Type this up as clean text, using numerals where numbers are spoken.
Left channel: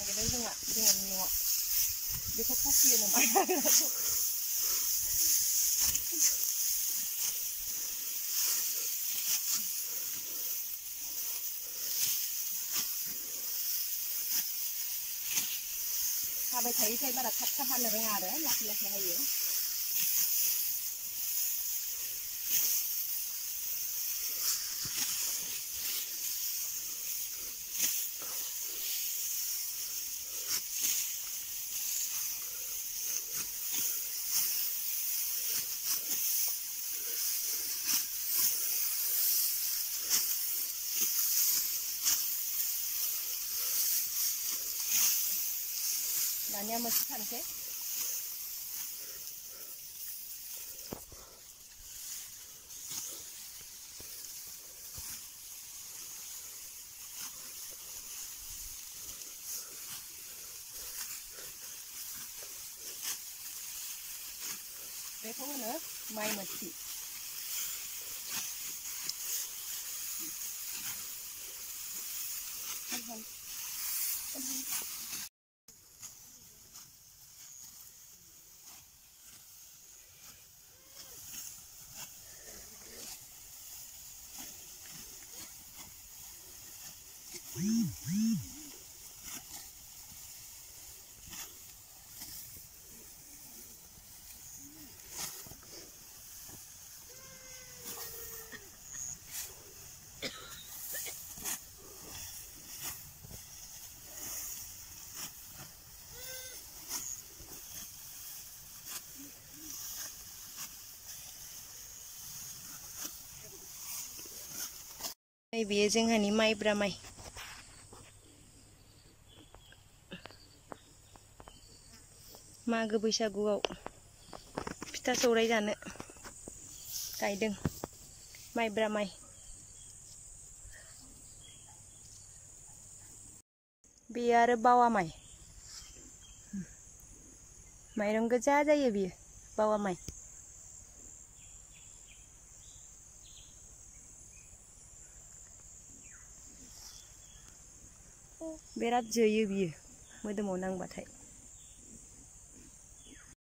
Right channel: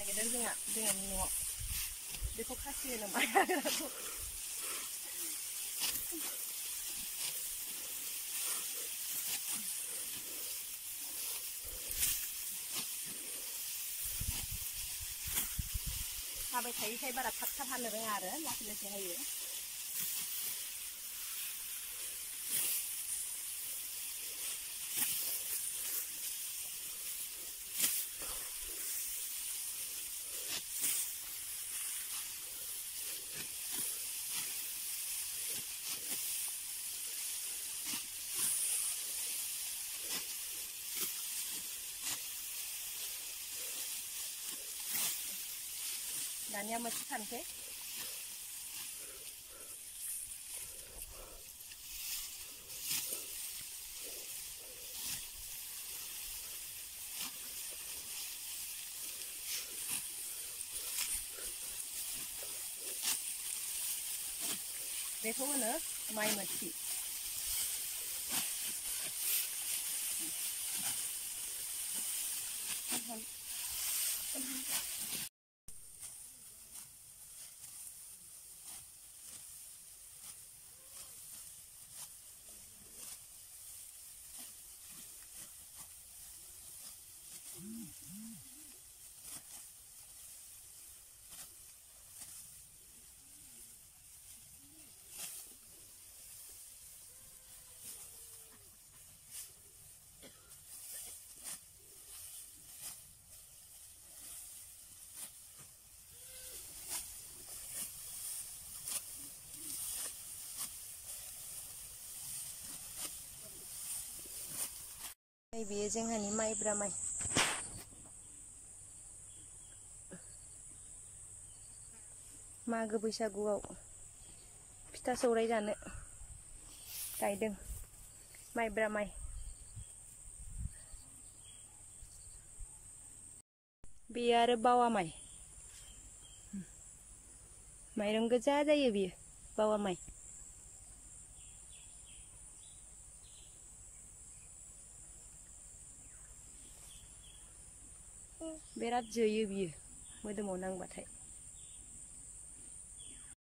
नागिरदों जोंहानि न'आव बेखौ खासियो नामा हाबाय थायैखाय बारा थाब थाब हानो रोङा आरो लासै लासै हायो। दानिया मोनसे सानसै बेखौ होनो माइ मोथि। बेयो जोंहानि माइब्रा माइ। मागो बैसागुआव फिथा सौराय जानो गायदों माइब्रा माइ। बेयो आरो बावा माइ। माइरं गोजा जायो बियो बावा माइ। बिराद जोयो बियो मोदोमाव नांबाथाय।